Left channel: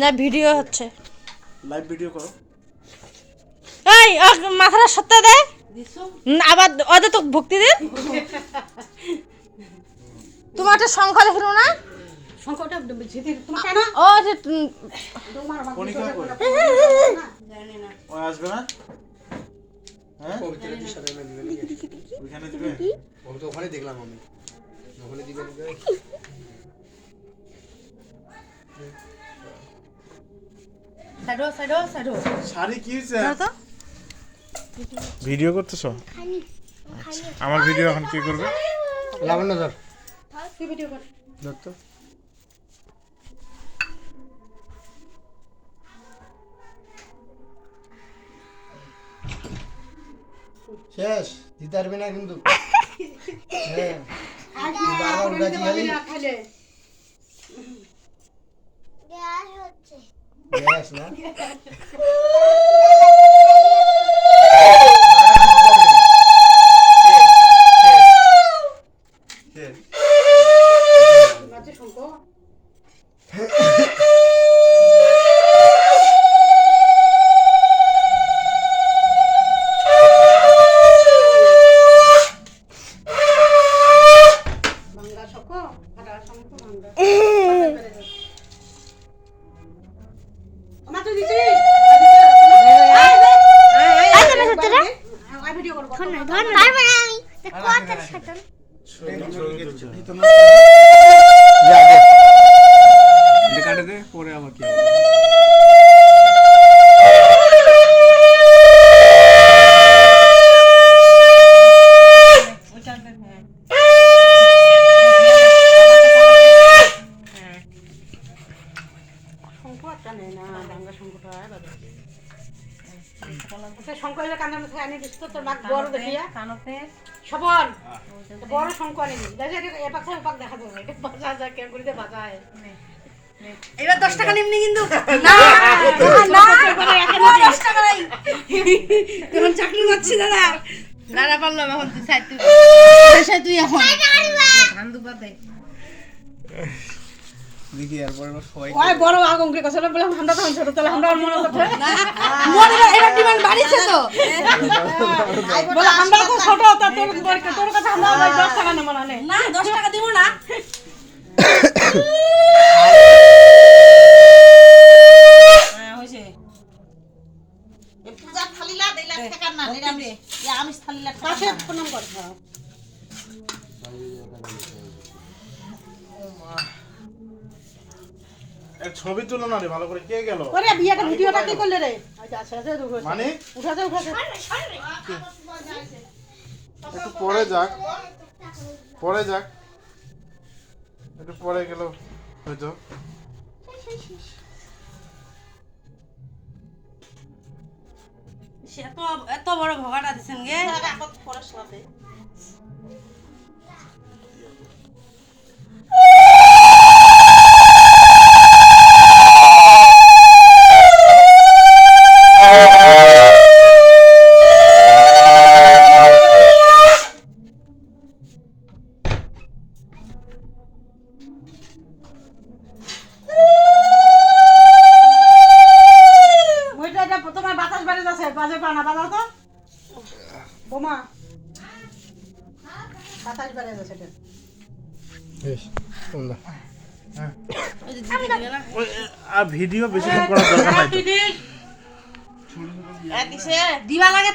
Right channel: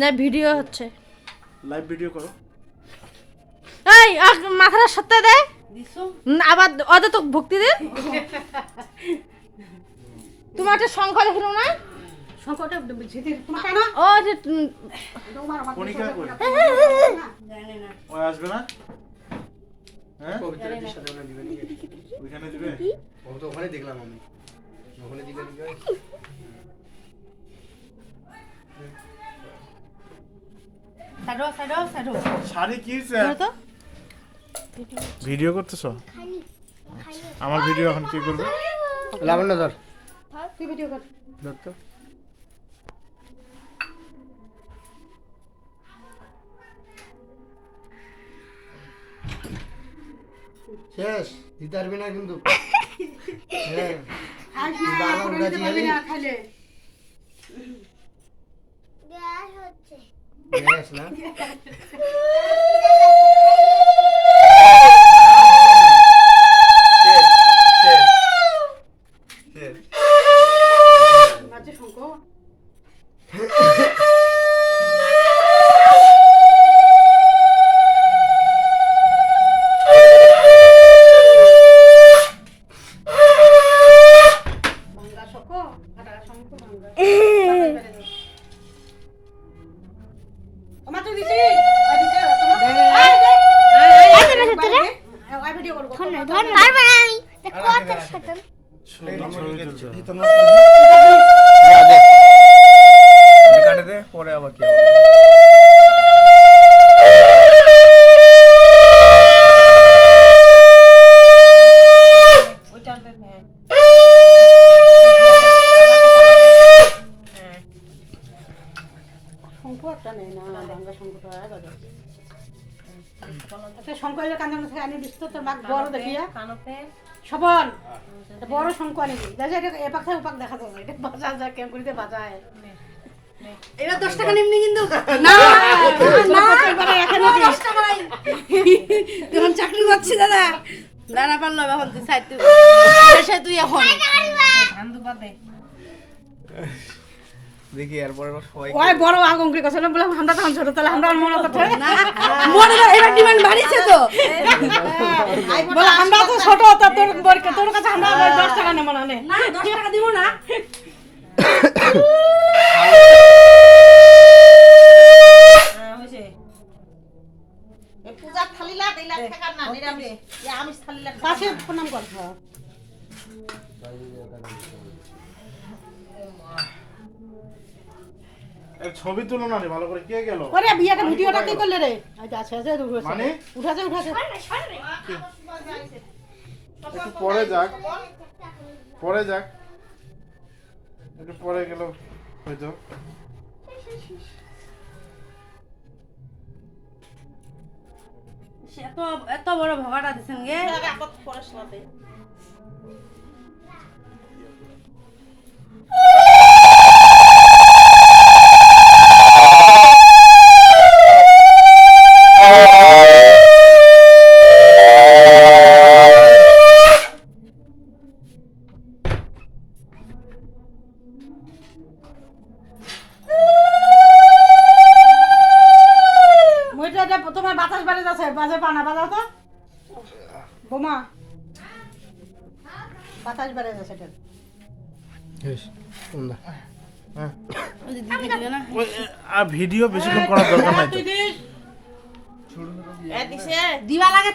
না ভিডিও হচ্ছে, live video করো। এই মাথাটা সত্যি দে আবার ওদের তো ভক্তি দিন। তোমার একটা সংখ্যা লিখল না, সংখ্যাটা ঝিতির তোমার কেন ও যে পরীক্ষা করে জানি না ও আসবে না, হ্যাঁ পবিত্র দির সাথে ওখানে দিবে নাকি? ওইখানে দিবে। ও তো ওখানে দেখলাম আমি, ওখানে দিবে নাকি? সাইডো সাইডো সাইডো শাড়ি কি দাও তো। ভিডিও করতেছো? আমার ভিডিও এখন কি করবে? লাবণ্য ধর কি ভিডিও কর ধর তো। শেষ দিতে পারবি না কিন্তু। হ্যাঁ তুই বারবার উড়াচ্ছি খালি। খাইলে গ্যাস না মাঝে সংখ্যা বাংলা সংখ্যা কাটা সংখ্যা বাংলা আমার তো দিছি আই ভিডিও করব কাটে দে পরে আবার কি হবে? সংখ্যাটা নেই না বাংলা সংখ্যাটা বাবা আচ্ছা সংখ্যাটা কানের মধ্যে আনি দিস তো তোর বাঘ বড় দেখিয়া কানতে সবল বড় সংখ্যা নেই দেখো এটা এপাক থেকে ওপাক দেখা যাবে এটা বাজা যা কেম করিতে বাজায় এবার 10 টাকা নিমনি কিন্তু না না এবারে এখানে 10 টাকা নাই এখন চাকরি করছি দাদা দাদা পারলো এখন তুই সাইড তুই সাইড তুই এখন ধান দুপা দে দেখি এরপরে সবাই ওই বড় আগুন করে কথা বললাম আমরা তখন ছোট তাহলে আমরা মনে কথা মনে এবার ডিমান্ড বাড়িছে তো বলে আমরা তো ছোট তো তোর কাছে আমরা 10 টাকা নেব না না 10 টাকা দিব না হ্যাঁ হইছে এই পূজার থালিলা দেইলা টাকা না নিরামিষ এই আমিষ থালিলা কাছে প্রণাম কর এর ছবি তুলো না রে ভালো করে, কে গেল? ওরে বিয়াটা ভিডিওটা কি করলে রে আচ্ছা আচ্ছা মানে উঠাতে একটু পরে যাক, পরে যাক, একটু পরে গেল হয়তো। সে তো এত বড় ভগাটা দিছেন গে কত পড়াশোনা দেই তোমার বাতাস বাড়ি যাচ্ছে বাজে পানা বাজা তো বোমা বাতাস বাড়ি যাচ্ছে এটা শেষ তোমরা আর ভিডিও বেশিক্ষণ করার দরকার নাই তো। দিবা লাগে